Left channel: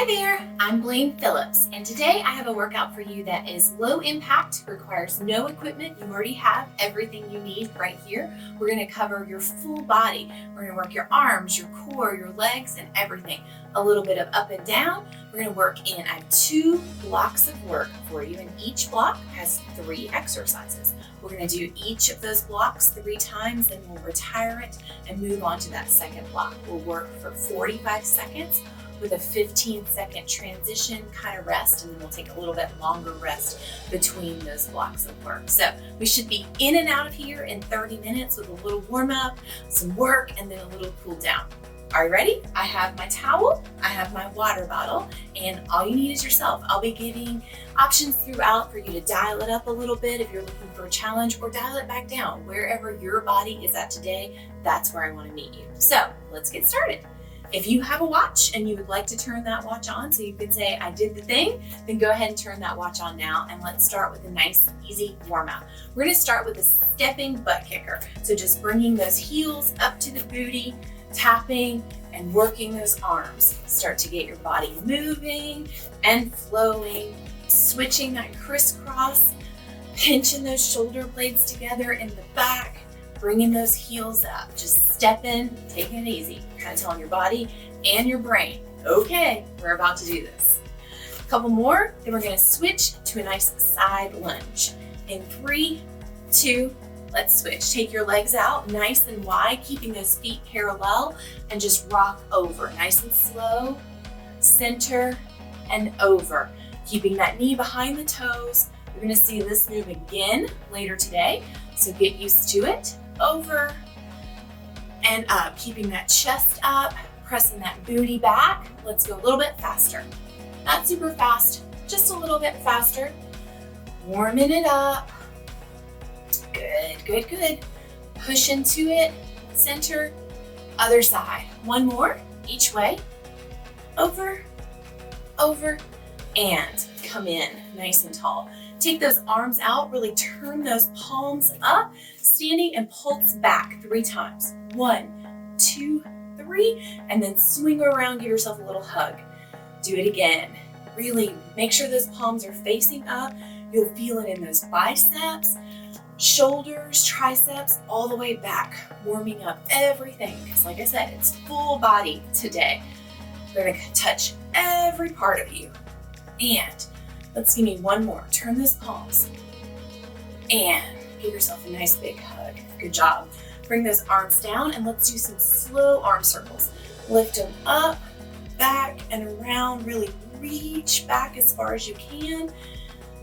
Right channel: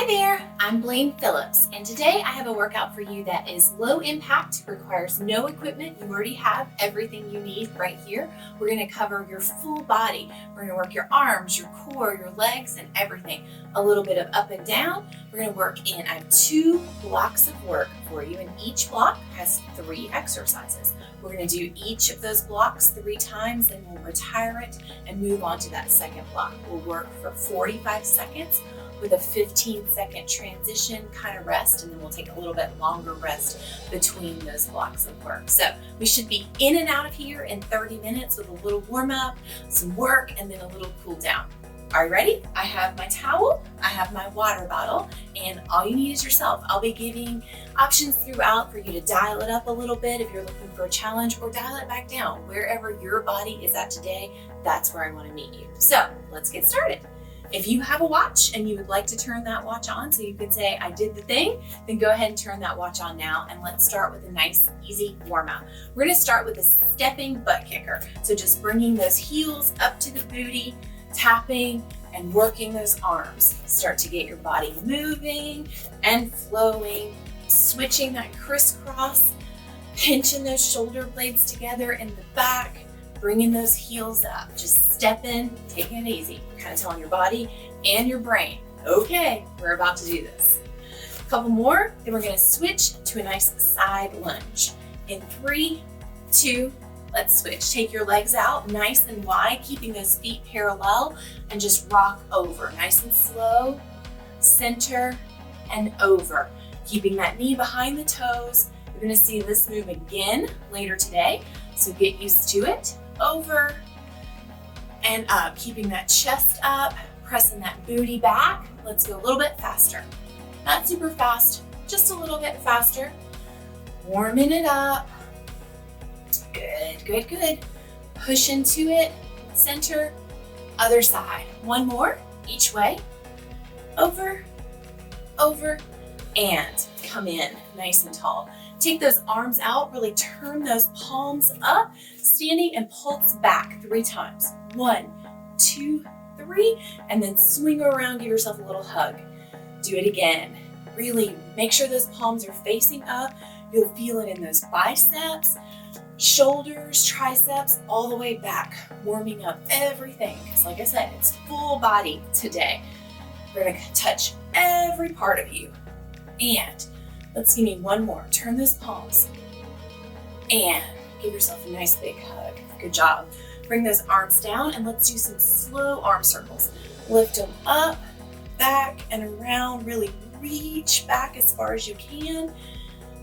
Hi there, I'm Blaine Phillips, and today I have a workout for you that is low impact, requires no equipment. You already have everything you need right here. We're gonna cover your full body. We're gonna work your arms, your core, your legs, and everything. A little bit of up and down. We're gonna work in, I have 2 blocks of work for you, and each block has 3 exercises. We're gonna do each of those blocks 3 times, then we'll retire it and move on to that second block. We'll work for 45 seconds with a 15-second transition kind of rest, and then we'll take a little bit longer rest between those blocks of work. So we should be in and out of here in 30 minutes with a little warm up, some work, and then a little cool down. Are you ready? I have my towel, I have my water bottle, and all you need is yourself. I'll be giving options throughout for you to dial it up a little bit if you're looking for a challenge, or dial it back down. Wherever your body is at today, that's where I want to meet you. So let's get started. If you have a watch and you would like to turn that watch on so you can say, I did the thing, then go ahead and turn that watch on now, and let's start with a nice, easy warm up. We're gonna start with a stepping butt kicker. So just bringing those heels up to the booty, tapping and working those arms. Start to get your body moving and flowing, switching that crisscross, pinching those shoulder blades together in the back, bringing those heels up, just stepping, taking it easy, kind of telling your body and your brain, okay, we're about to do this. A couple more, then we're gonna switch to a nice side lunge. In 3, 2, let's switch. Take your legs out nice and wide, keeping those feet parallel, and just rock over, nice and slow, center, and over. Keeping that knee behind the toes. You're gonna see this move again later today, so get used to it. Over and up, keeping that chest up, pressing that booty back. Let's go a little bit faster. Not super fast, just a little bit faster. Warming it up. Good, good, good. Push into it, center, other side. One more, each way. Over, over, and come in nice and tall. Take those arms out, really turn those palms up, standing and pulse back 3 times. 1, 2, 3, and then swing around, give yourself a little hug. Do it again. Really make sure those palms are facing up. You'll feel it in those biceps, shoulders, triceps, all the way back, warming up everything. Because like I said, it's full body today. We're gonna touch every part of you. And let's give me one more. Turn those palms and give yourself a nice big hug. Good job. Bring those arms down and let's do some slow arm circles. Lift them up, back, and around. Really reach back as far as you can.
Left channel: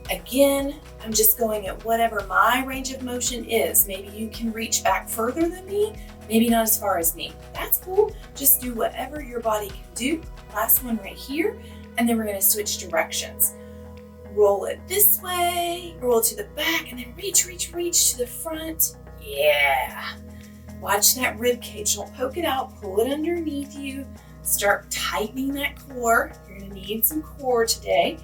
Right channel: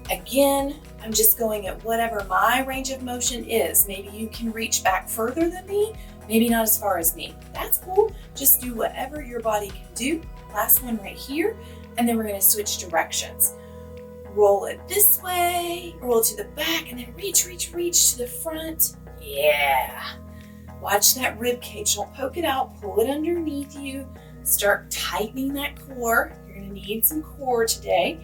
Again, I'm just going at whatever my range of motion is. Maybe you can reach back further than me, maybe not as far as me. That's cool. Just do whatever your body can do. Last one right here, and then we're gonna switch directions. Roll it this way, roll to the back, and then reach, reach, reach to the front. Yeah. Watch that rib cage. Don't poke it out. Pull it underneath you. Start tightening that core. You're gonna need some core today.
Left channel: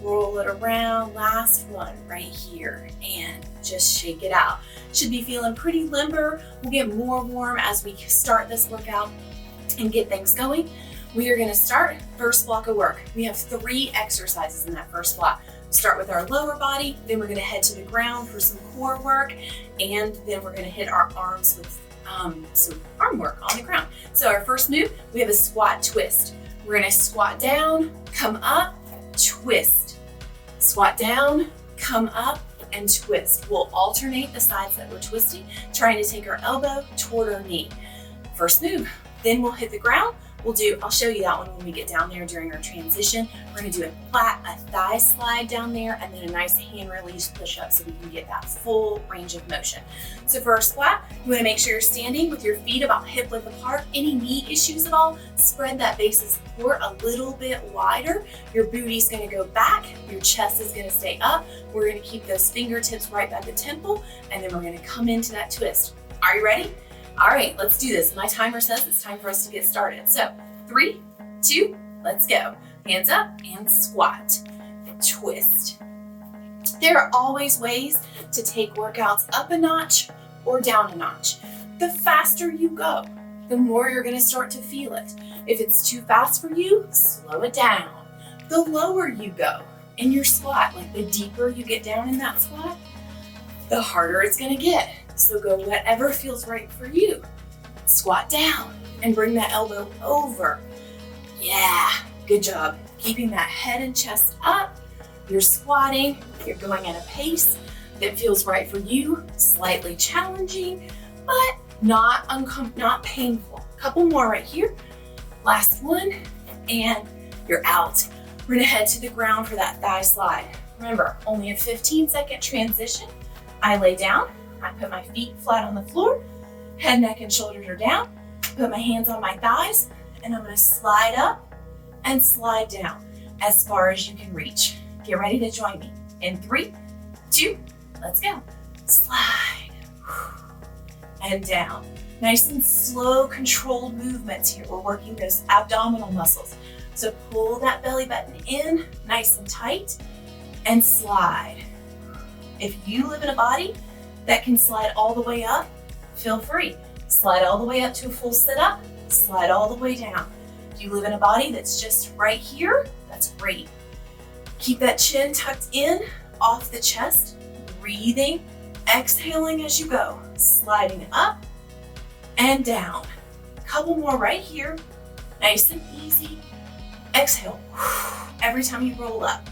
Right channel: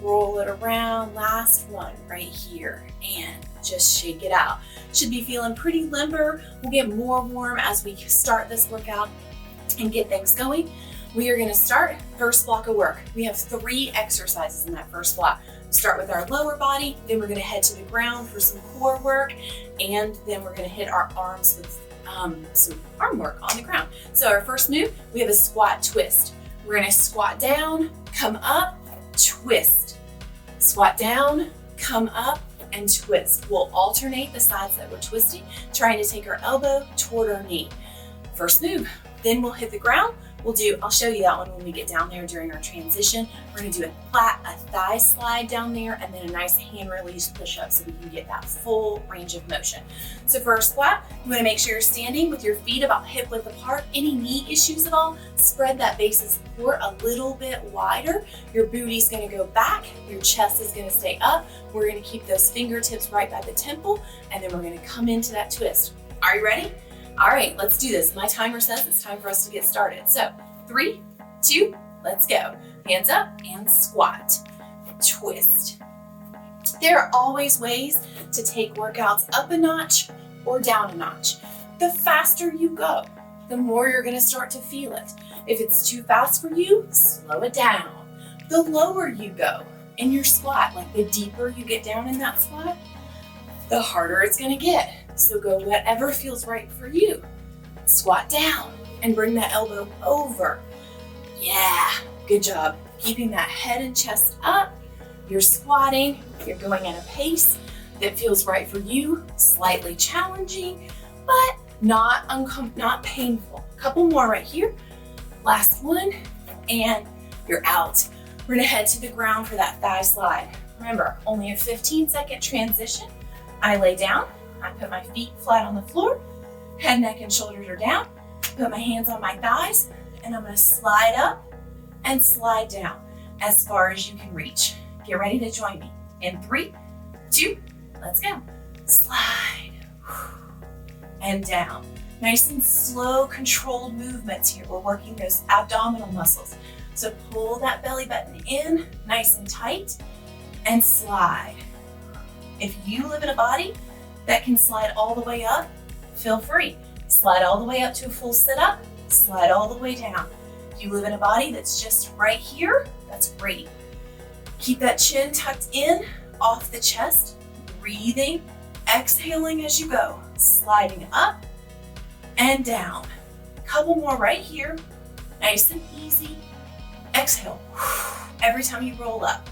Roll it around. Last one right here, and just shake it out. Should be feeling pretty limber. We'll get more warm as we start this workout and get things going. We are gonna start first block of work. We have 3 exercises in that first block. We'll start with our lower body, then we're gonna head to the ground for some core work, and then we're gonna hit our arms with some arm work on the ground. So our first move, we have a squat twist. We're gonna squat down, come up, twist. Squat down, come up, and twist. We'll alternate the sides that we're twisting, trying to take our elbow toward our knee. First move, then we'll hit the ground. I'll show you that one when we get down there during our transition. We're gonna do a thigh slide down there, and then a nice hand release push up so we can get that full range of motion. So for our squat, you wanna make sure you're standing with your feet about hip width apart. Any knee issues at all, spread that base of support a little bit wider. Your booty's gonna go back, your chest is gonna stay up. We're gonna keep those fingertips right by the temple, and then we're gonna come into that twist. Are you ready? All right, let's do this. My timer says it's time for us to get started. So 3, 2, let's go. Hands up and squat, twist. There are always ways to take workouts up a notch or down a notch. The faster you go, the more you're gonna start to feel it. If it's too fast for you, slow it down. The lower you go in your squat, like the deeper you get down in that squat, the harder it's gonna get. So go whatever feels right for you. Squat down and bring that elbow over. Yeah, good job. Keeping that head and chest up. You're squatting, you're going at a pace that feels right for you, slightly challenging, but not painful. Couple more right here. Last one, and you're out. We're gonna head to the ground for that thigh slide. Remember, only a 15-second transition. I lay down, I put my feet flat on the floor, head, neck, and shoulders are down, put my hands on my thighs, and I'm gonna slide up and slide down as far as you can reach. Get ready to join me. In 3, 2, let's go. Slide, and down. Nice and slow, controlled movements here. We're working those abdominal muscles. So pull that belly button in, nice and tight, and slide. If you live in a body that can slide all the way up, feel free. Slide all the way up to a full sit-up, slide all the way down. If you live in a body that's just right here, that's great. Keep that chin tucked in, off the chest, breathing, exhaling as you go, sliding up and down. Couple more right here, nice and easy. Exhale. Every time you roll up,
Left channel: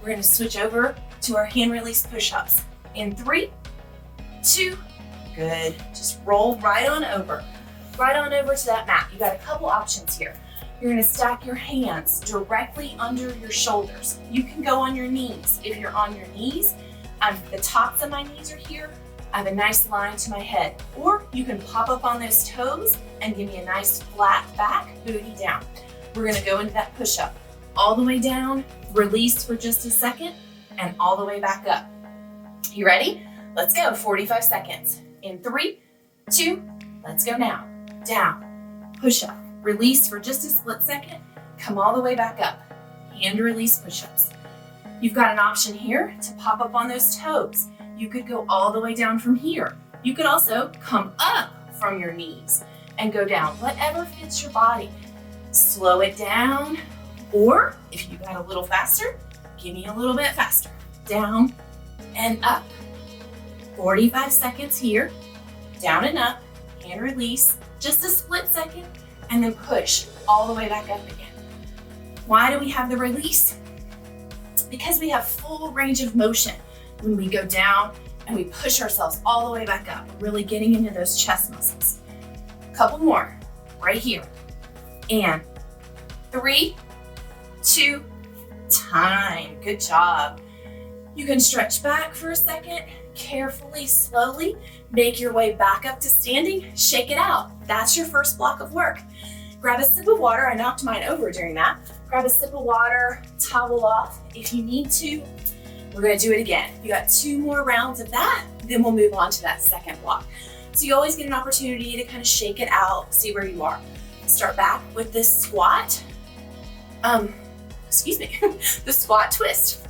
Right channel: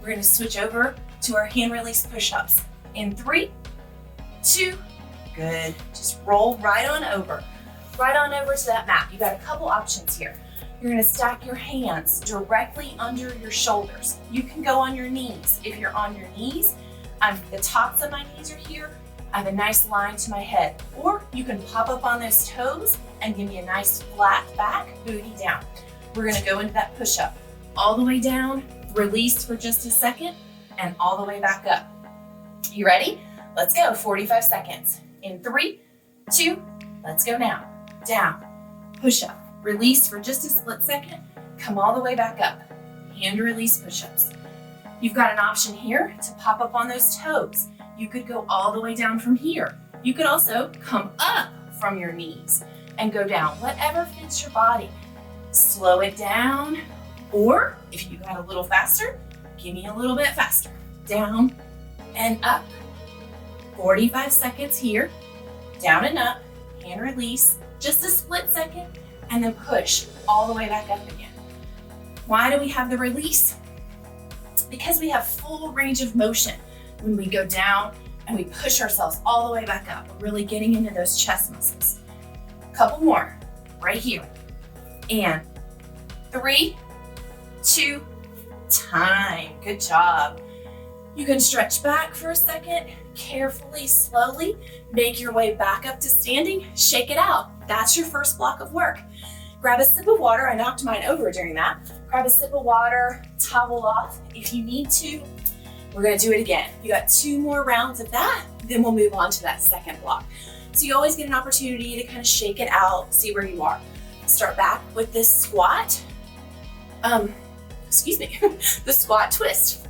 we're gonna switch over to our hand release push-ups. In 3, 2, good. Just roll right on over to that mat. You got a couple options here. You're gonna stack your hands directly under your shoulders. You can go on your knees. If you're on your knees, the tops of my knees are here. I have a nice line to my head. Or you can pop up on those toes and give me a nice flat back, booty down. We're gonna go into that push-up. All the way down, release for just a second, and all the way back up. You ready? Let's go, 45 seconds. In 3, 2, let's go now. Down, push up, release for just a split second, come all the way back up. Hand release push-ups. You've got an option here to pop up on those toes. You could go all the way down from here. You could also come up from your knees and go down, whatever fits your body. Slow it down, or if you got a little faster, give me a little bit faster. Down and up. 45 seconds here, down and up, hand release, just a split second, and then push all the way back up again. Why do we have the release? Because we have full range of motion when we go down and we push ourselves all the way back up, really getting into those chest muscles. A couple more, right here. And 3, 2, time. Good job. You can stretch back for a second, carefully, slowly, make your way back up to standing, shake it out. That's your first block of work. Grab a sip of water. I knocked mine over during that. Grab a sip of water, towel off if you need to. We're gonna do it again. You got 2 more rounds of that, then we'll move on to that second block. So you always get an opportunity to kind of shake it out, see where you are. Start back with this squat, the squat twist.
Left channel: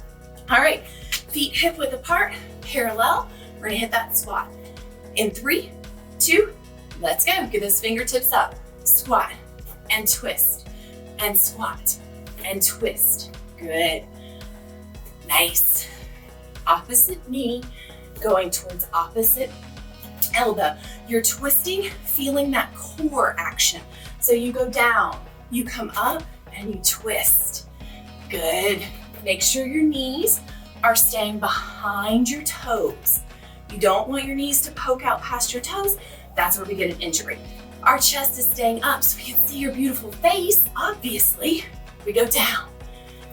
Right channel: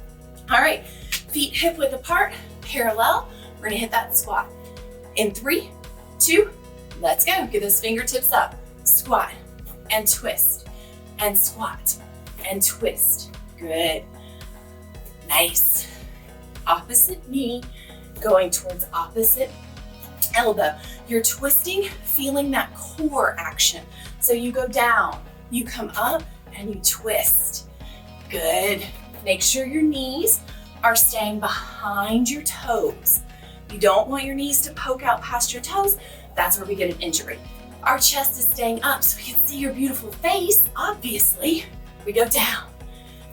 All right, feet hip width apart, parallel. We're gonna hit that squat. In 3, 2, let's go. Get those fingertips up. Squat and twist and squat and twist. Good. Nice. Opposite knee going towards opposite elbow. You're twisting, feeling that core action. So you go down, you come up, and you twist. Good. Make sure your knees are staying behind your toes. You don't want your knees to poke out past your toes. That's where we get an injury. Our chest is staying up so we can see your beautiful face, obviously. We go down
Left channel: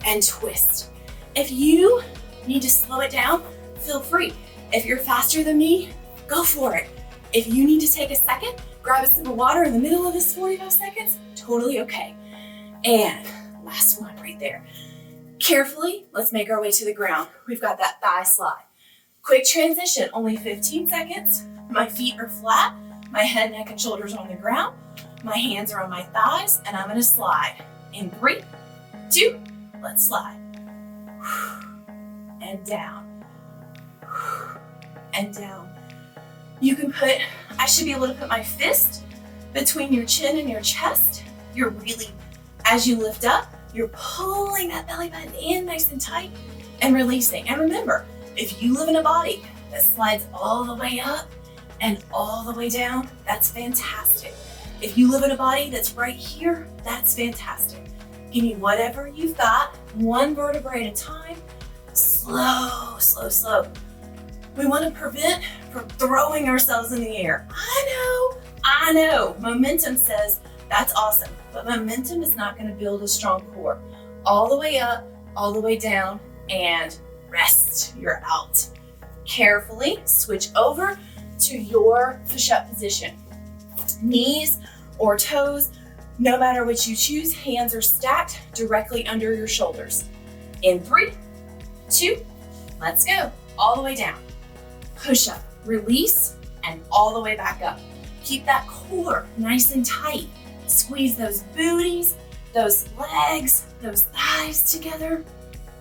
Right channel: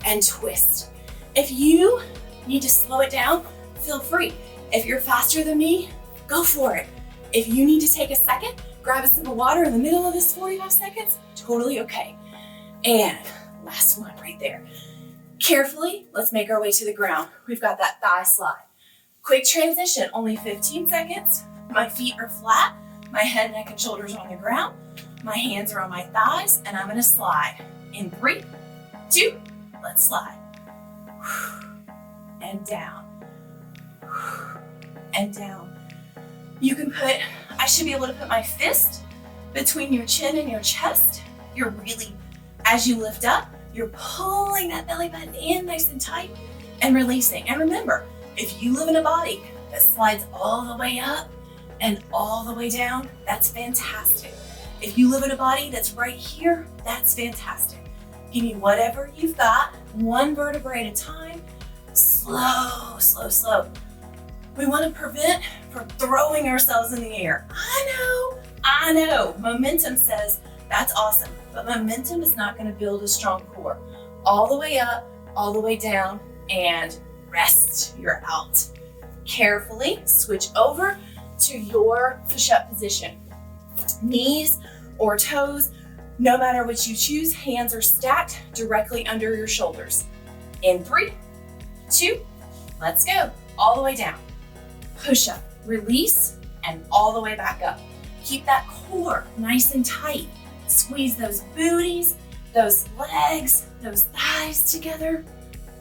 and twist. If you need to slow it down, feel free. If you're faster than me, go for it. If you need to take a second, grab a sip of water in the middle of this 45 seconds, totally okay. And last one right there. Carefully, let's make our way to the ground. We've got that thigh slide. Quick transition, only 15 seconds. My feet are flat, my head, neck, and shoulders are on the ground. My hands are on my thighs, and I'm gonna slide. In 3, 2, let's slide. And down. And down. You can I should be able to put my fist between your chin and your chest. you're really, as you lift up, you're pulling that belly button in nice and tight and releasing. And remember, if you live in a body that slides all the way up and all the way down, that's fantastic. If you live in a body that's right here, that's fantastic. Give me whatever you've got, one vertebrae at a time, slow, slow, slow. We want to prevent from throwing ourselves in the air. I know, momentum says that's awesome, but momentum is not going to build a strong core. All the way up, all the way down, and rest, you're out. Carefully switch over to your push-up position. Knees or toes, no matter what you choose, hands are stacked directly under your shoulders. In 3, 2, let's go. All the way down. Push up, release, and all the way back up. Keep that core nice and tight. Squeeze those booties, those legs, those thighs together.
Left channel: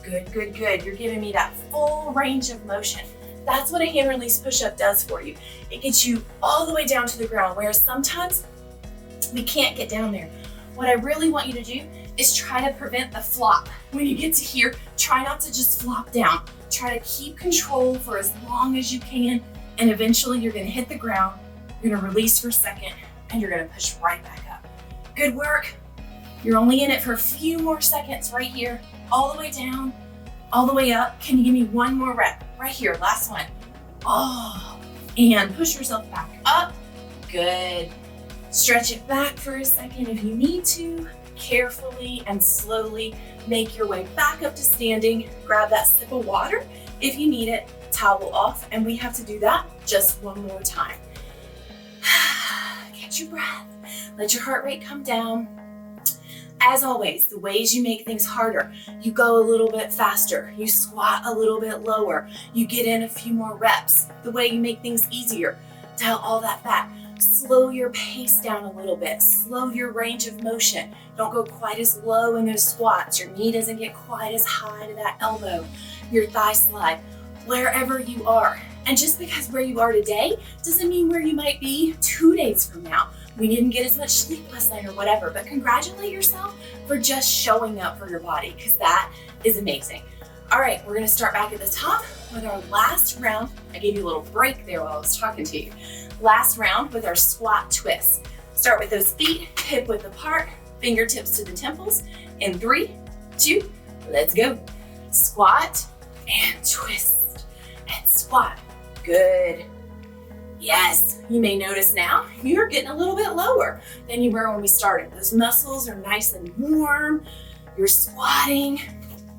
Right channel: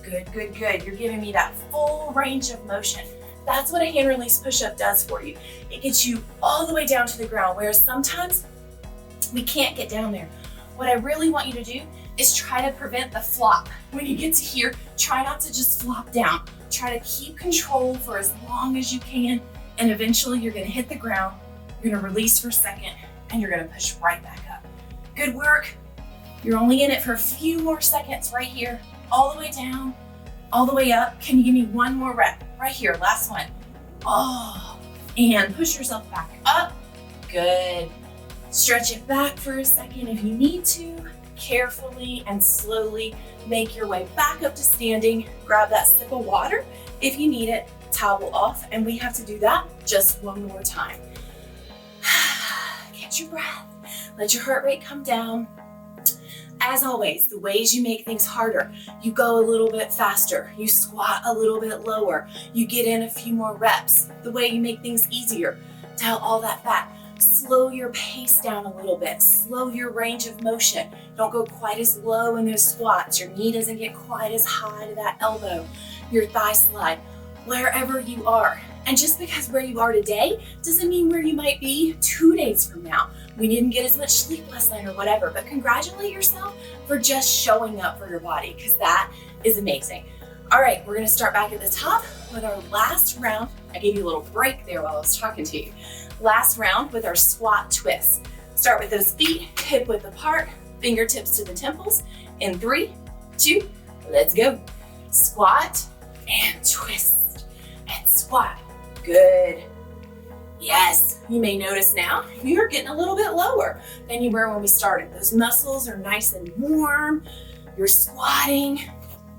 Good, good, good. You're giving me that full range of motion. That's what a hand release push-up does for you. It gets you all the way down to the ground, whereas sometimes we can't get down there. What I really want you to do is try to prevent the flop. When you get to here, try not to just flop down. Try to keep control for as long as you can, and eventually you're gonna hit the ground, you're gonna release for a second, and you're gonna push right back up. Good work. You're only in it for a few more seconds right here, all the way down, all the way up. Can you give me one more rep? Right here, last one. Oh, and push yourself back up. Good. Stretch it back for a second if you need to. Carefully and slowly make your way back up to standing. Grab that sip of water if you need it. Towel off, and we have to do that just one more time. Catch your breath. Let your heart rate come down. As always, the ways you make things harder, you go a little bit faster, you squat a little bit lower, you get in a few more reps. The way you make things easier, dial all that back. Slow your pace down a little bit, slow your range of motion. Don't go quite as low in those squats. Your knee doesn't get quite as high to that elbow. Your thigh slide, wherever you are. And just because where you are today doesn't mean where you might be 2 days from now. We didn't get as much sleep last night or whatever, but congratulate yourself for just showing up for your body, because that is amazing. All right, we're gonna start back at the top with our last round. I gave you a little break there while I was talking to you. Last round with our squat twist. Start with those feet hip width apart, fingertips to the temples. In 3, 2, let's go. Squat and twist and squat. Good. Yes, you may notice now you're getting a little bit lower than you were when we started. Those muscles are nice and warm. You're squatting,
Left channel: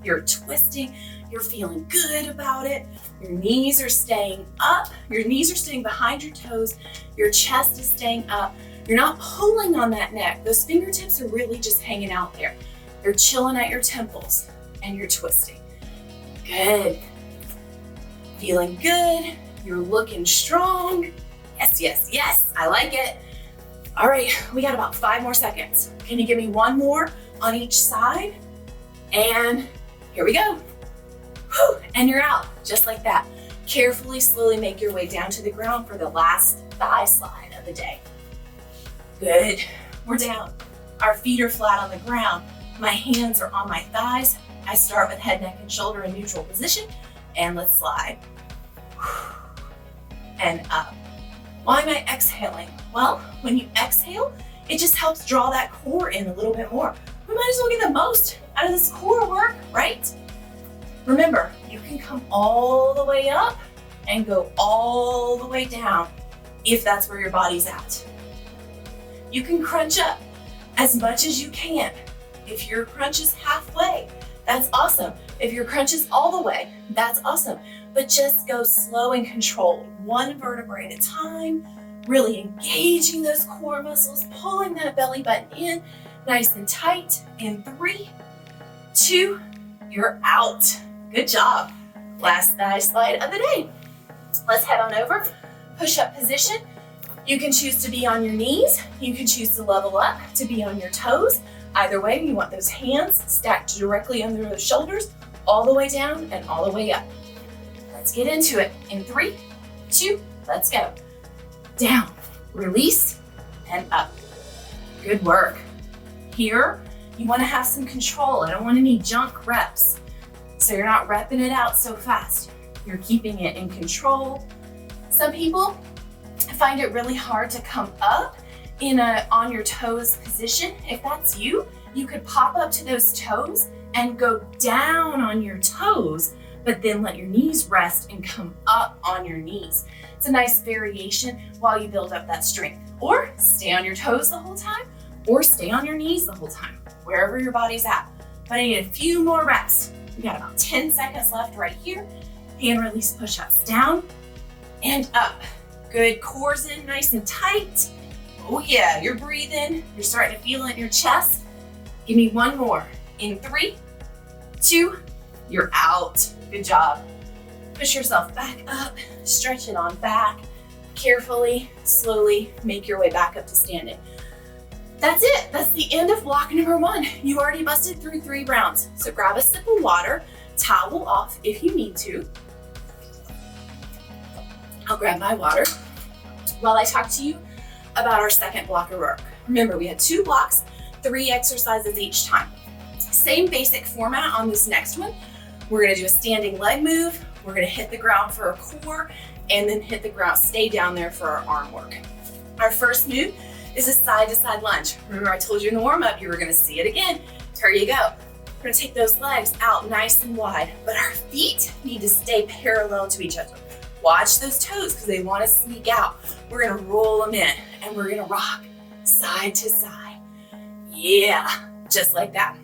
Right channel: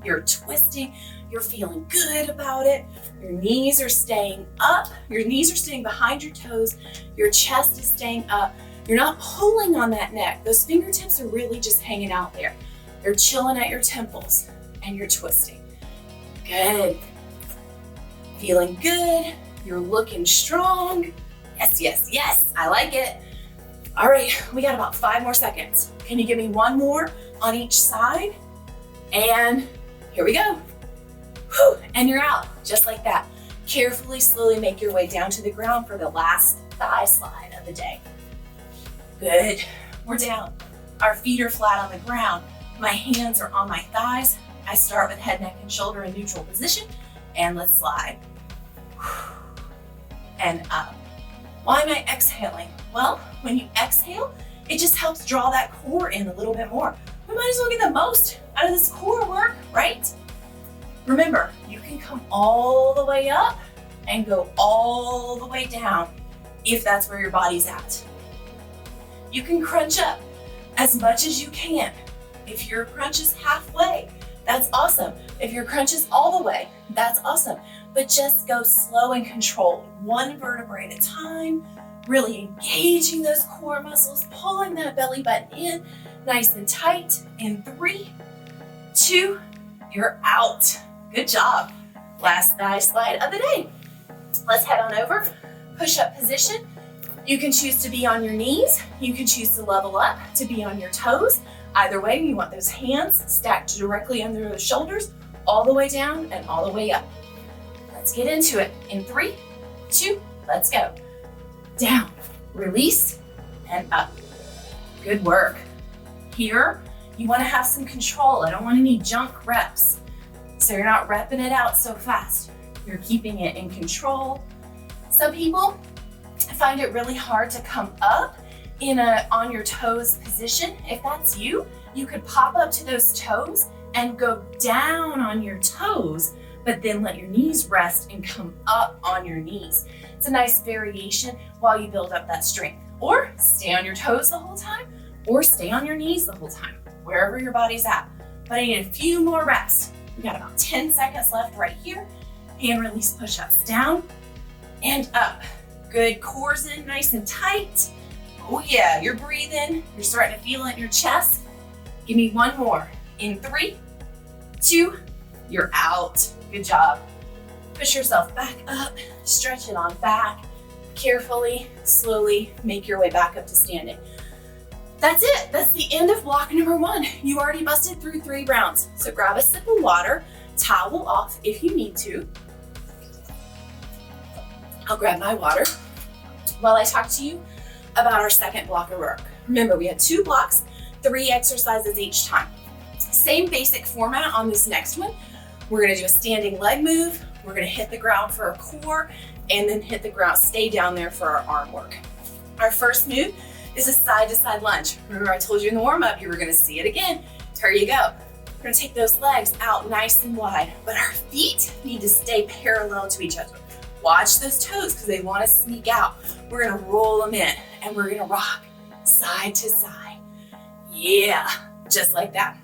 you're twisting, you're feeling good about it. Your knees are staying up. Your knees are staying behind your toes. Your chest is staying up. You're not pulling on that neck. Those fingertips are really just hanging out there. They're chilling at your temples, and you're twisting. Good. Feeling good. You're looking strong. Yes, yes, yes, I like it. All right, we got about 5 more seconds. Can you give me one more on each side? And here we go. Whew, and you're out, just like that. Carefully, slowly make your way down to the ground for the last thigh slide of the day. Good, we're down. Our feet are flat on the ground. My hands are on my thighs. I start with head, neck, and shoulder in neutral position, and let's slide. And up. Why am I exhaling? Well, when you exhale, it just helps draw that core in a little bit more. We might as well get the most out of this core work, right? Remember, you can come all the way up and go all the way down if that's where your body's at. You can crunch up as much as you can. If your crunch is halfway, that's awesome. If your crunch is all the way, that's awesome. But just go slow and controlled, one vertebrae at a time, really engaging those core muscles, pulling that belly button in nice and tight. In 3, 2, you're out. Good job. Last thigh slide of the day. Let's head on over, push-up position. You can choose to be on your knees. You can choose to level up to be on your toes. Either way, you want those hands stacked directly under those shoulders, all the way down and all the way up. Let's get into it. In 3, 2, let's go. Down, release, and up. Good work. Here, you wanna have some control. I don't want any junk reps. So you're not repping it out so fast. You're keeping it in control. Some people find it really hard to come up in a on your toes position. If that's you, you could pop up to those toes and go down on your toes, but then let your knees rest and come up on your knees. It's a nice variation while you build up that strength. Or stay on your toes the whole time, or stay on your knees the whole time, wherever your body's at. But I need a few more reps. We got about 10 seconds left right here. Hand release push-ups down and up. Good, core's in nice and tight. Oh yeah, you're breathing. You're starting to feel it in your chest. Give me one more. In 3, 2, you're out. Good job. Push yourself back up, stretch it on back. Carefully, slowly make your way back up to standing. That's it. That's the end of block number 1. You already busted through 3 rounds. So grab a sip of water, towel off if you need to. I'll grab my water while I talk to you about our second block of work. Remember, we had 2 blocks, 3 exercises each time. Same basic format on this next one. We're gonna do a standing leg move. We're gonna hit the ground for our core and then hit the ground, stay down there for our arm work. Our first move is a side-to-side lunge. Remember I told you in the warm-up, you were gonna see it again. Here you go. We're gonna take those legs out nice and wide, but our feet need to stay parallel to each other. Watch those toes because they wanna sneak out. We're gonna roll them in and we're gonna rock side to side. Yeah, just like that.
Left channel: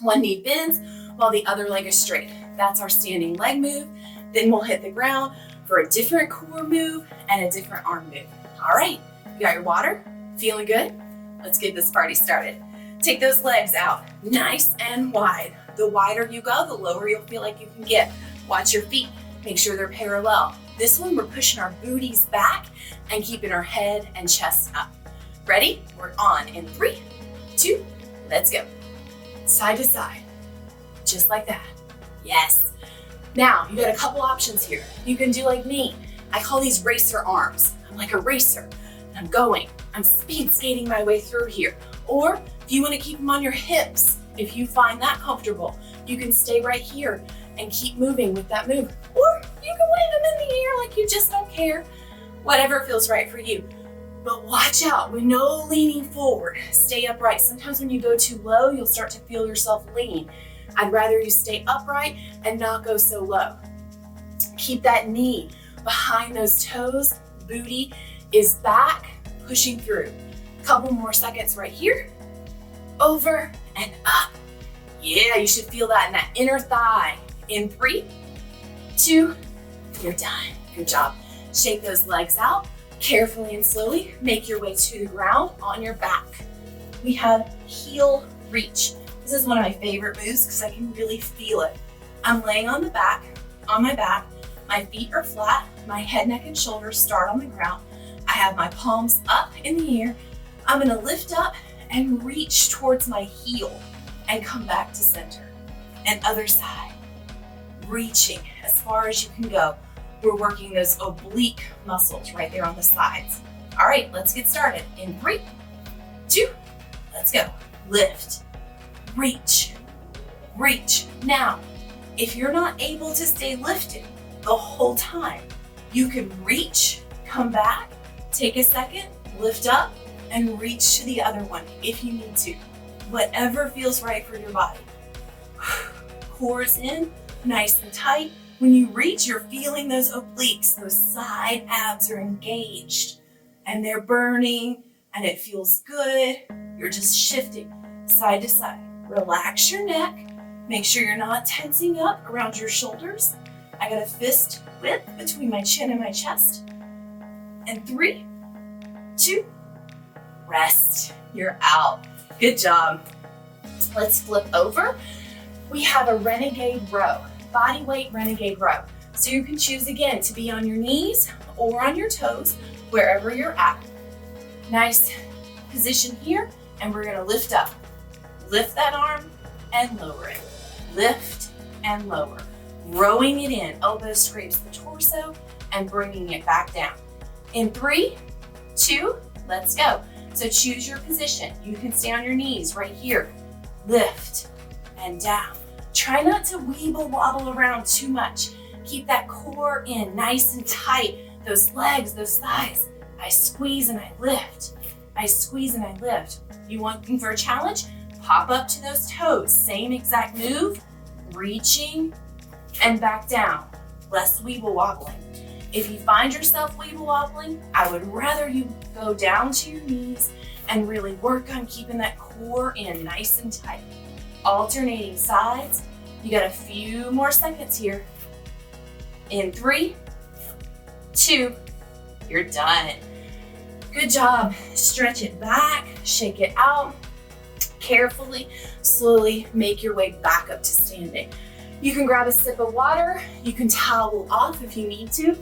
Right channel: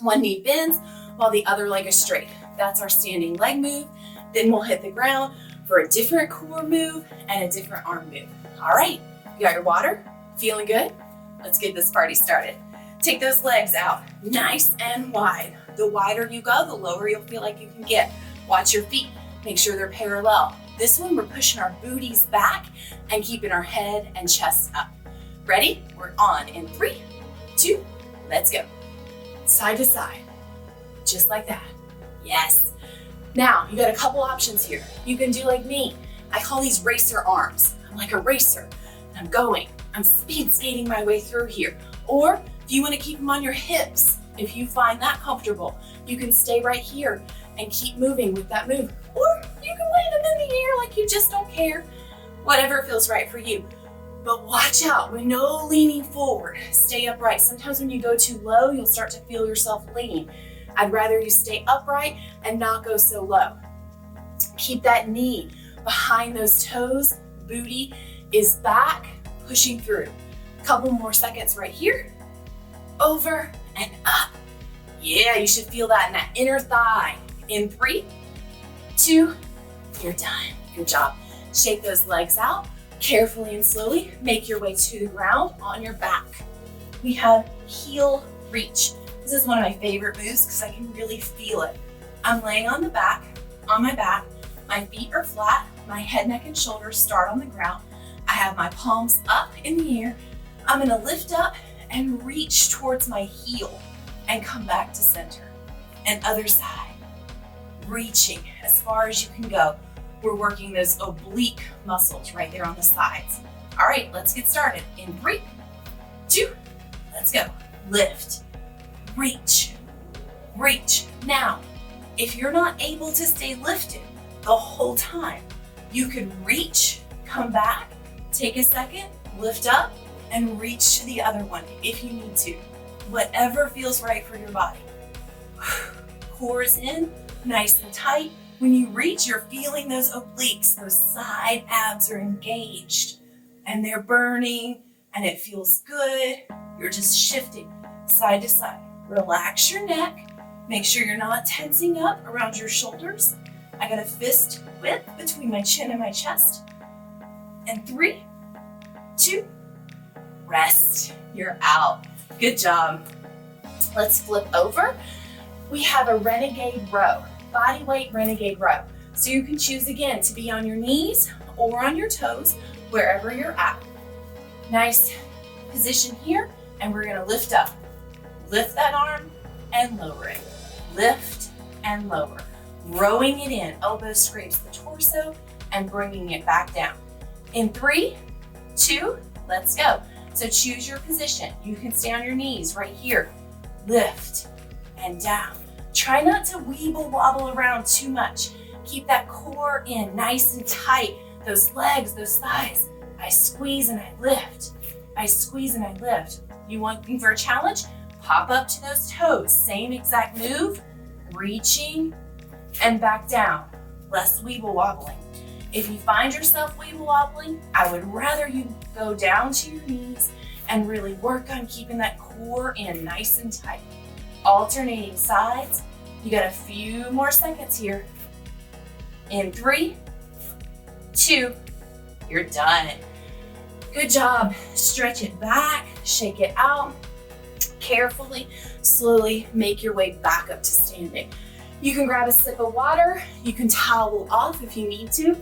One knee bends while the other leg is straight. That's our standing leg move. Then we'll hit the ground for a different core move and a different arm move. All right, you got your water? Feeling good? Let's get this party started. Take those legs out nice and wide. The wider you go, the lower you'll feel like you can get. Watch your feet, make sure they're parallel. This one, we're pushing our booties back and keeping our head and chest up. Ready? We're on in 3, 2, let's go. Side to side, just like that. Yes. Now, you got a couple options here. You can do like me. I call these racer arms. I'm like a racer. I'm going. I'm speed skating my way through here. Or if you want to keep them on your hips, if you find that comfortable, you can stay right here and keep moving with that move. Or you can land them in the air like you just don't care. Whatever feels right for you. But watch out, with no leaning forward. Stay upright. Sometimes when you go too low, you'll start to feel yourself lean. I'd rather you stay upright and not go so low. Keep that knee behind those toes. Booty is back, pushing through. Couple more seconds right here. Over and up. Yeah, you should feel that in that inner thigh. In 3, 2, you're done. Good job. Shake those legs out. Carefully and slowly make your way to the ground on your back. We have heel reach. This is one of my favorite moves because I can really feel it. I'm laying on the back, on my back. My feet are flat. My head, neck, and shoulders start on the ground. I have my palms up in the air. I'm gonna lift up and reach towards my heel and come back to center. And other side, reaching as far as you can go. We're working those oblique muscles right there on the sides. All right, let's get started. In 3, 2, let's go. Lift, reach, reach. Now, if you're not able to stay lifted the whole time, you can reach, come back, take a second, lift up, and reach to the other one if you need to. Whatever feels right for your body. Core's in, nice and tight. When you reach, you're feeling those obliques, those side abs are engaged and they're burning and it feels good. You're just shifting side to side. Relax your neck. Make sure you're not tensing up around your shoulders. I got a fist width between my chin and my chest. And 3, 2, rest. You're out. Good job. Let's flip over. We have a renegade row. Body weight renegade row. So you can choose again to be on your knees or on your toes, wherever you're at. Nice position here, and we're gonna lift up. Lift that arm and lower it. Lift and lower. Rowing it in, elbows scrapes the torso and bringing it back down. In 3, 2, let's go. So choose your position. You can stay on your knees right here. Lift and down. Try not to weeble wobble around too much. Keep that core in nice and tight. Those legs, those thighs. I squeeze and I lift. I squeeze and I lift. You looking for a challenge? Pop up to those toes. Same exact move. Reaching and back down. Less weeble wobbling. If you find yourself weeble wobbling, I would rather you go down to your knees and really work on keeping that core in nice and tight. Alternating sides. You got a few more seconds here. In 3, 2, you're done. Good job. Stretch it back, shake it out. Carefully, slowly make your way back up to standing. You can grab a sip of water. You can towel off if you need to.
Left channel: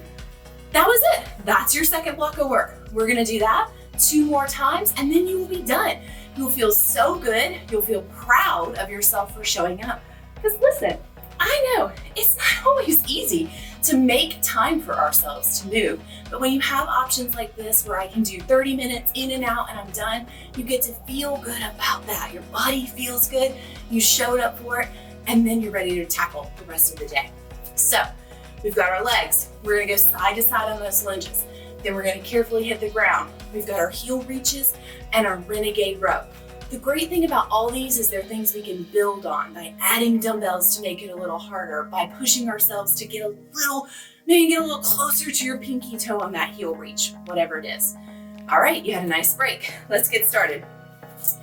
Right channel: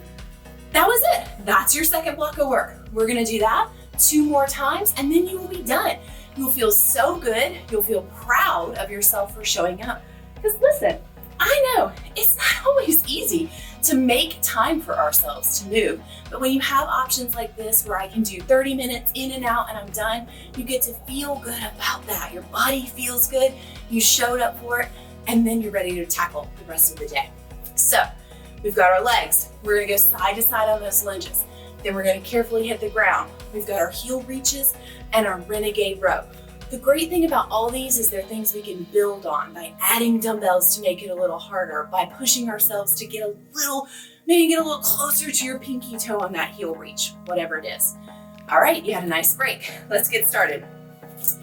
That was it. That's your second block of work. We're gonna do that 2 more times and then you will be done. You'll feel so good. You'll feel proud of yourself for showing up. Because listen, I know it's not always easy to make time for ourselves to move. But when you have options like this where I can do 30 minutes in and out and I'm done, you get to feel good about that. Your body feels good, you showed up for it, and then you're ready to tackle the rest of the day. So we've got our legs. We're gonna go side to side on those lunges. Then we're gonna carefully hit the ground. We've got our heel reaches and our renegade row. The great thing about all these is they're things we can build on by adding dumbbells to make it a little harder, by pushing ourselves to get a little closer to your pinky toe on that heel reach, whatever it is. All right, you had a nice break. Let's get started.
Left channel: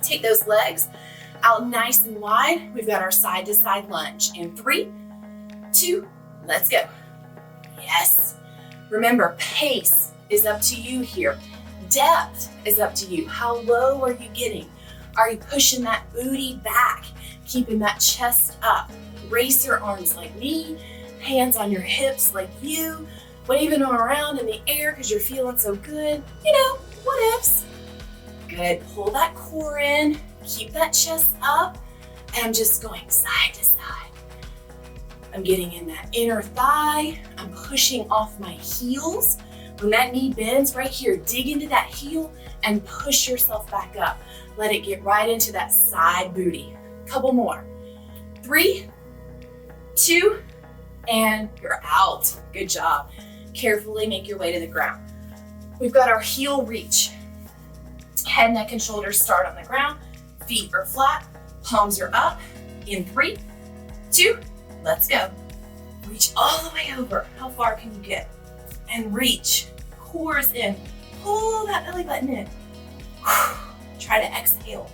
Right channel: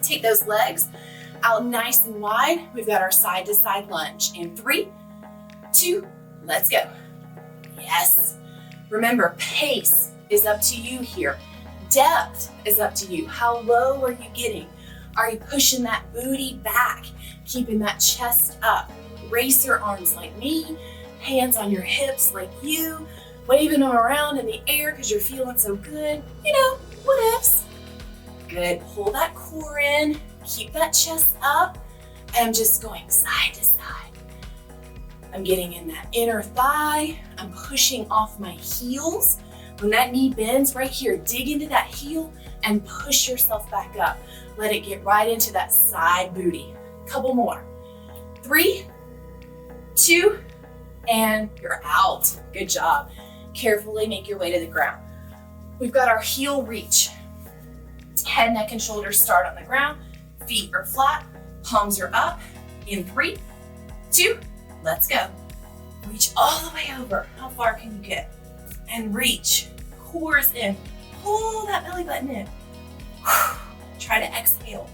Take those legs out nice and wide. We've got our side to side lunge. In 3, 2, let's go. Yes. Remember, pace is up to you here. Depth is up to you. How low are you getting? Are you pushing that booty back, keeping that chest up? Raise your arms like me, hands on your hips like you, waving them around in the air because you're feeling so good. You know, what ifs? Good, pull that core in, keep that chest up, and I'm just going side to side. I'm getting in that inner thigh. I'm pushing off my heels. When that knee bends right here, dig into that heel and push yourself back up. Let it get right into that side booty. Couple more. 3, 2, and you're out. Good job. Carefully make your way to the ground. We've got our heel reach. Head, neck, and shoulders start on the ground. Feet are flat, palms are up. In 3, 2, let's go. Reach all the way over. How far can you get? And reach. Core is in. Pull that belly button in. Try to exhale.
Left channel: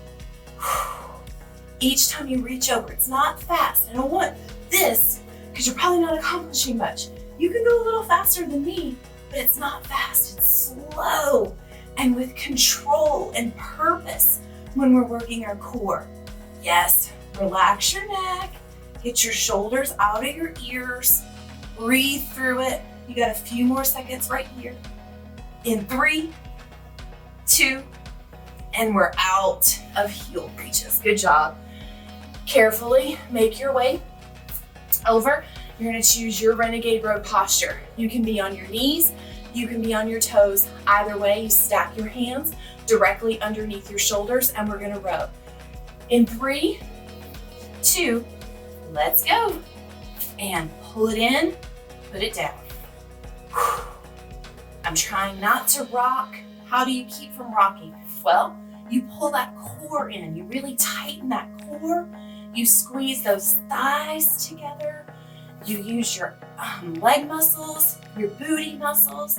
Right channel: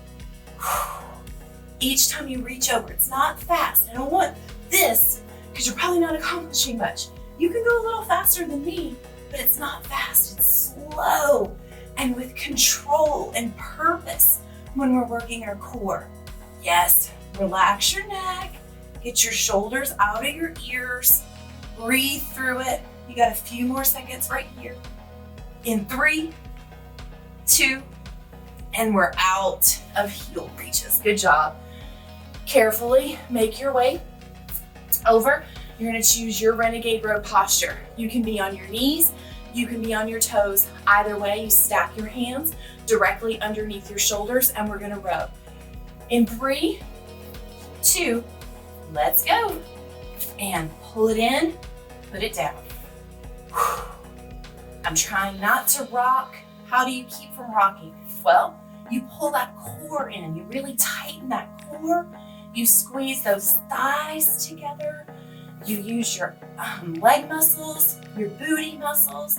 Each time you reach over, it's not fast. I don't want this because you're probably not accomplishing much. You can go a little faster than me, but it's not fast. It's slow and with control and purpose when we're working our core. Yes, relax your neck. Get your shoulders out of your ears. Breathe through it. You got a few more seconds right here. In 3, 2, and we're out of heel reaches. Good job. Carefully make your way over. You're gonna choose your renegade row posture. You can be on your knees, you can be on your toes. Either way, you stack your hands directly underneath your shoulders and we're gonna row. In 3, 2, let's go. And pull it in, put it down. I'm trying not to rock. How do you keep from rocking? Well, you pull that core in. You really tighten that core. You squeeze those thighs together. You use your leg muscles, your booty muscles.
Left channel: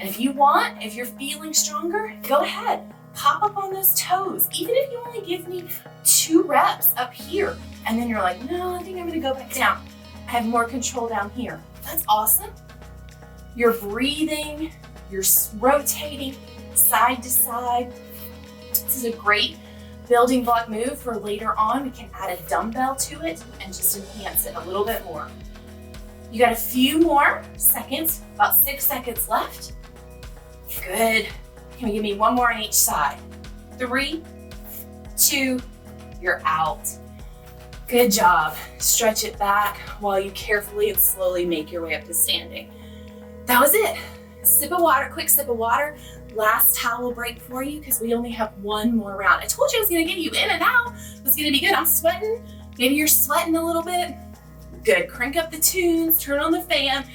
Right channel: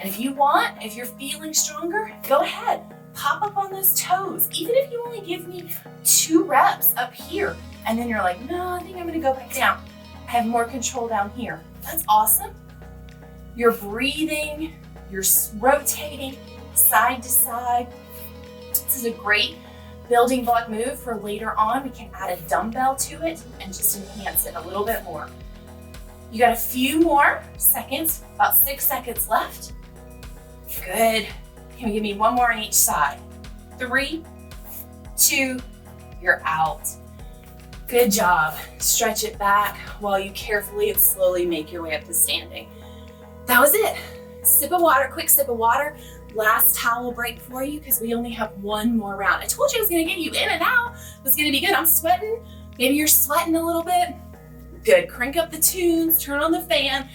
And if you want, if you're feeling stronger, go ahead. Pop up on those toes. Even if you only give me 2 reps up here, and then you're like, no, I think I'm gonna go back down. I have more control down here. That's awesome. You're breathing, you're rotating side to side. This is a great building block move for later on. We can add a dumbbell to it and just enhance it a little bit more. You got a few more seconds, about 6 seconds left. Good. Can you give me one more on each side? 3, 2, you're out. Good job. Stretch it back while you carefully and slowly make your way up to standing. That was it. Sip of water, quick sip of water. Last towel break for you because we only have one more round. I told you I was gonna get you in and out. It was gonna be good. I'm sweating. Maybe you're sweating a little bit. Good, crank up the tunes, turn on the fan,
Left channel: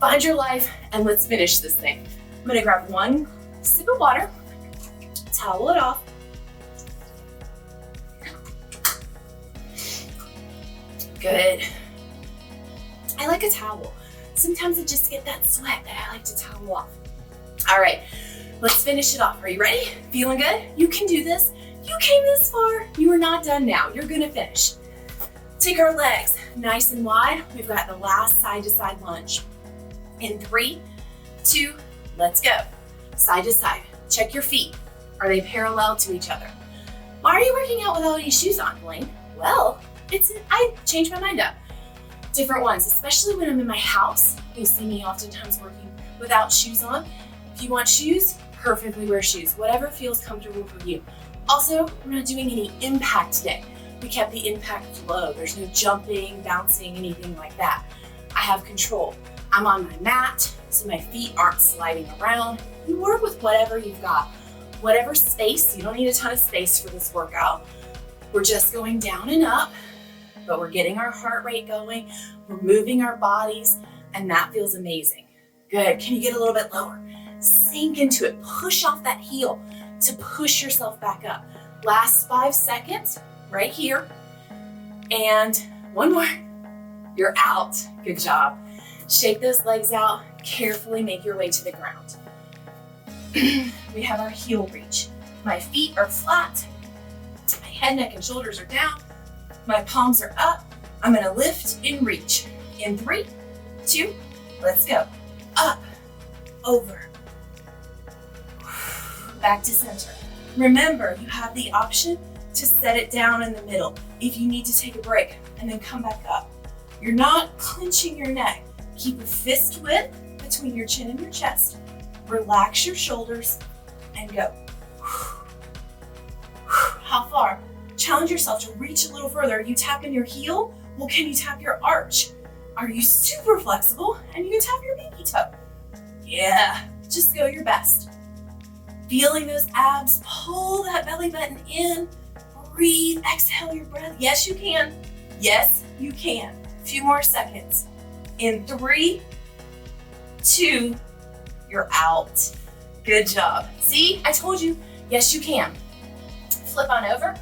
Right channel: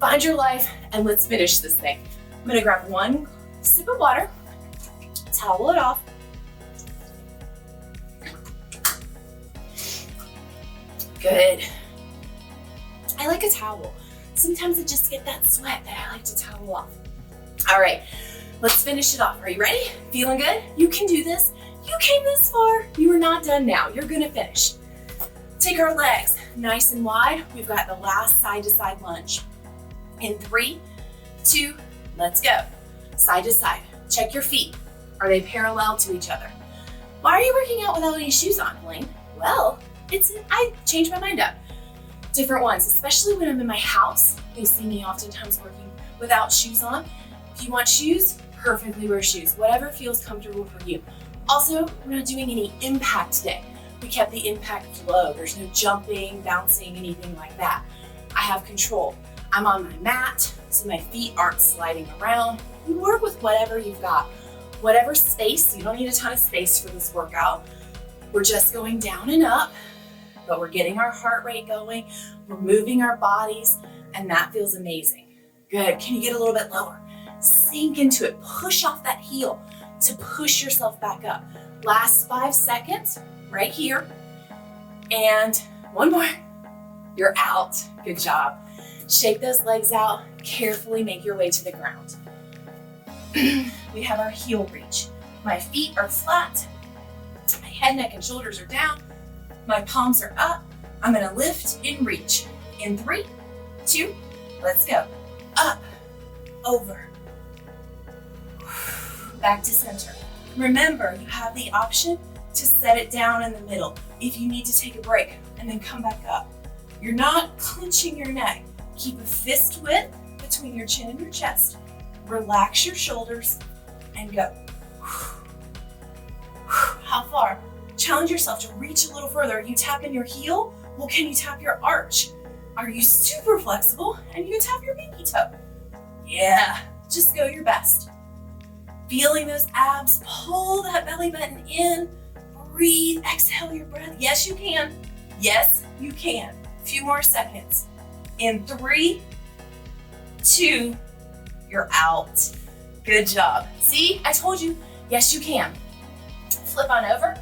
find your life, and let's finish this thing. I'm gonna grab one sip of water, towel it off. Good. I like a towel. Sometimes I just get that sweat that I like to towel off. All right, let's finish it off. Are you ready? Feeling good? You can do this. You came this far. You are not done now. You're gonna finish. Take our legs nice and wide. We've got the last side to side lunge. In 3, 2, let's go. Side to side. Check your feet. Are they parallel to each other? Why are you working out without any shoes on, Blaine? Well, I changed my mind up. Different ones, especially when I'm in my house. You see me oftentimes working without shoes on. If you want shoes, perfectly wear shoes. Whatever feels comfortable for you. Also, we're not doing any impact today. We kept the impact low. There's no jumping, bouncing, anything like that. I have control. I'm on my mat, so my feet aren't sliding around. You work with whatever you've got. Whatever space, you don't need a ton of space for this workout. We're just going down and up, but we're getting our heart rate going. We're moving our bodies, and that feels amazing. Good, can you get a little bit lower? Sink into it, push off that heel to push yourself back up. Last 5 seconds, right here. And one more, you're out. Good job. Shake those legs out, carefully make your way to the ground. We have our heel reach. My feet are flat, my head, neck, and shoulders are down. My palms are up. I'm gonna lift and reach. In 3, 2, let's go. Up, over, back to center. Remember, you have the option to set it down in the middle if you need to take a break and then come back up. You're not clenching your neck. Keep a fist width between your chin and your chest. Relax your shoulders and go. How far? Challenge yourself to reach a little further. Are you tapping your heel? Well, can you tap your arch? Are you super flexible and you can tap your pinky toe? Yeah, just go your best. Feeling those abs, pull that belly button in, breathe, exhale your breath. Yes, you can. Yes, you can. A few more seconds. In 3, 2, you're out. Good job. See, I told you, yes, you can. Flip on over.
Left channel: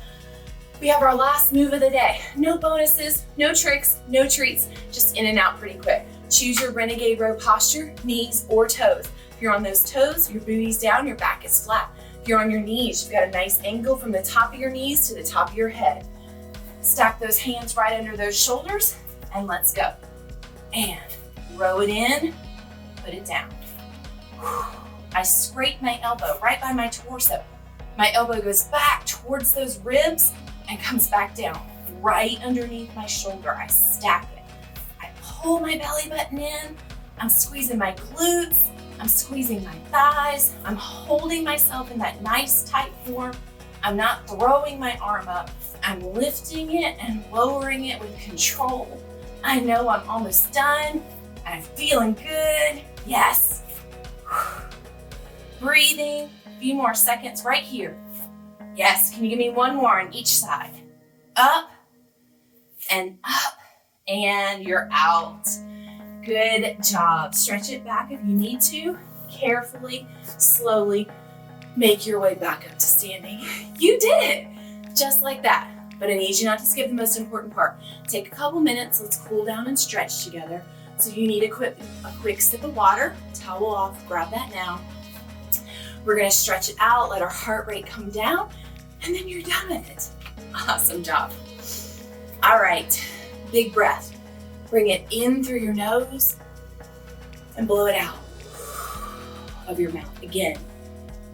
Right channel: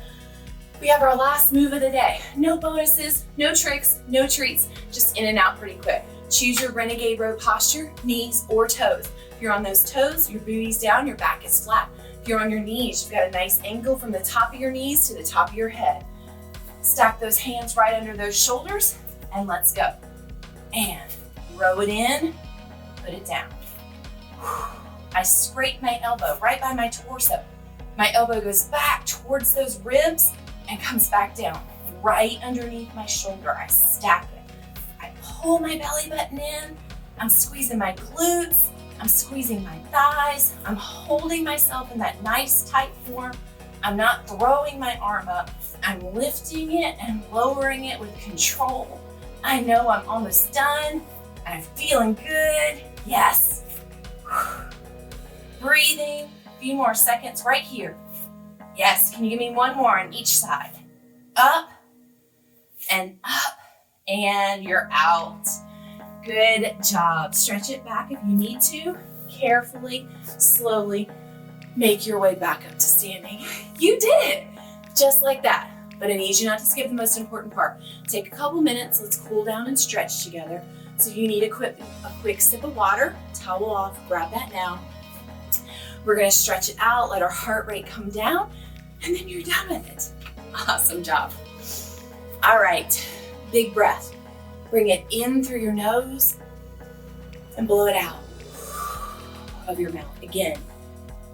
We have our last move of the day. No bonuses, no tricks, no treats, just in and out pretty quick. Choose your renegade row posture, knees or toes. If you're on those toes, your booty's down, your back is flat. If you're on your knees, you've got a nice angle from the top of your knees to the top of your head. Stack those hands right under those shoulders and let's go. And row it in, put it down. I scrape my elbow right by my torso. My elbow goes back towards those ribs and comes back down right underneath my shoulder. I stack it. I pull my belly button in. I'm squeezing my glutes. I'm squeezing my thighs. I'm holding myself in that nice tight form. I'm not throwing my arm up. I'm lifting it and lowering it with control. I know I'm almost done. I'm feeling good. Yes. Breathing. A few more seconds right here. Yes, can you give me one more on each side? Up, and you're out. Good job. Stretch it back if you need to. Carefully, slowly, make your way back up to standing. You did it, just like that. But I need you not to skip the most important part. Take a couple minutes, let's cool down and stretch together. So you need a quick sip of water, towel off, grab that now. We're gonna stretch it out, let our heart rate come down, and then you're done with it. Awesome job. All right, big breath. Bring it in through your nose and blow it out of your mouth. Again,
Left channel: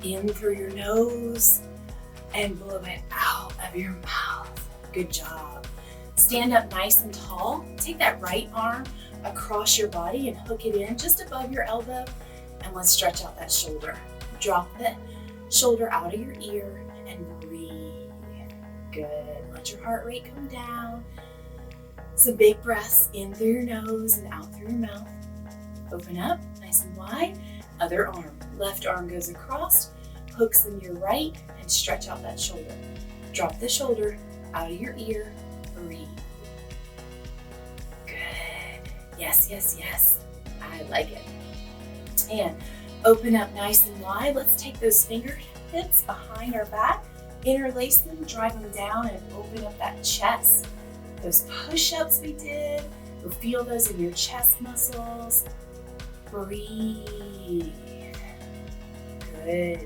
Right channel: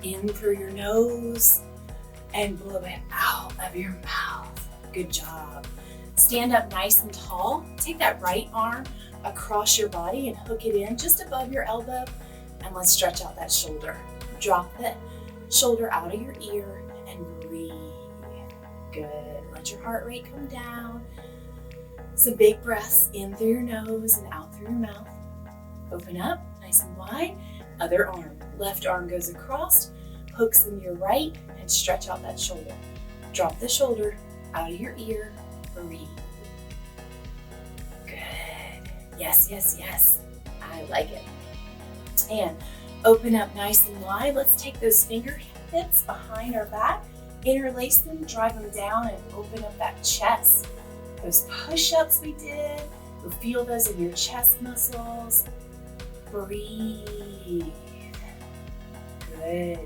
in through your nose and blow it out of your mouth. Good job. Stand up nice and tall. Take that right arm across your body and hook it in just above your elbow, and let's stretch out that shoulder. Drop the shoulder out of your ear and breathe. Good. Let your heart rate come down. Some big breaths in through your nose and out through your mouth. Open up, nice and wide. Other arm. Left arm goes across, hooks in your right, and stretch out that shoulder. Drop the shoulder out of your ear, breathe. Good. Yes, yes, yes. I like it. And open up nice and wide. Let's take those fingertips behind our back, interlace them, drive them down, and open up that chest. Those push-ups we did, you'll feel those in your chest muscles. Breathe. Good.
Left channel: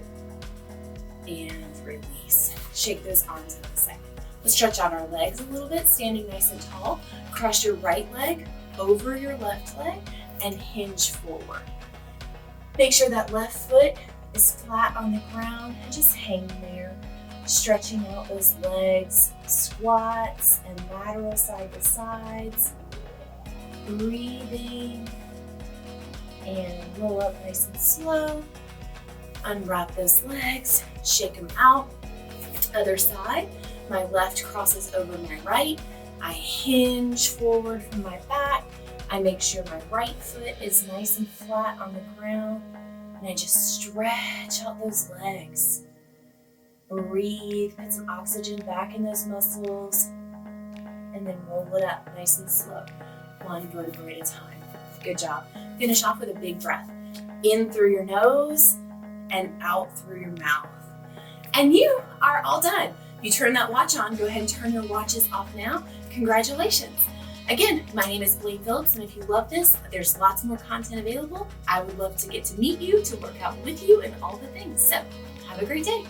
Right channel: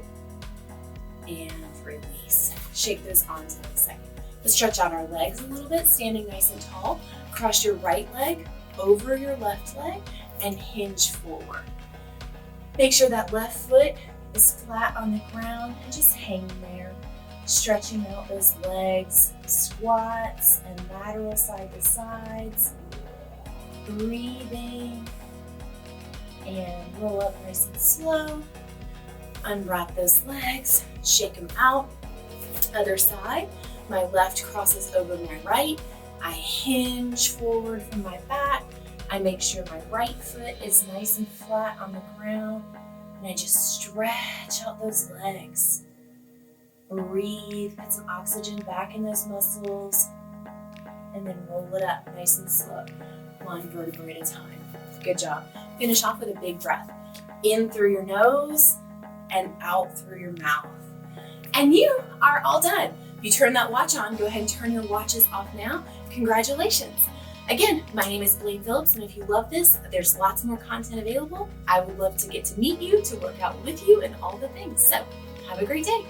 And release. Shake those arms out a second. Let's stretch out our legs a little bit, standing nice and tall. Cross your right leg over your left leg and hinge forward. Make sure that left foot is flat on the ground and just hang there. Stretching out those legs, squats and lateral side to sides. Breathing. And roll up nice and slow. Unwrap those legs, shake them out. Other side, my left crosses over my right. I hinge forward from my back. I make sure my right foot is nice and flat on the ground. And I just stretch out those legs. Breathe, put some oxygen back in those muscles. And then roll it up nice and slow, one vertebrae at a time. Good job. Finish off with a big breath. In through your nose and out through your mouth. And you are all done. If you turn that watch on, go ahead and turn your watches off now. Congratulations. Again, my name is Blaine Phillips, and if you love this, there's lots more content available. I would love to get to meet you, to work out with you, and all the things. So have a great day.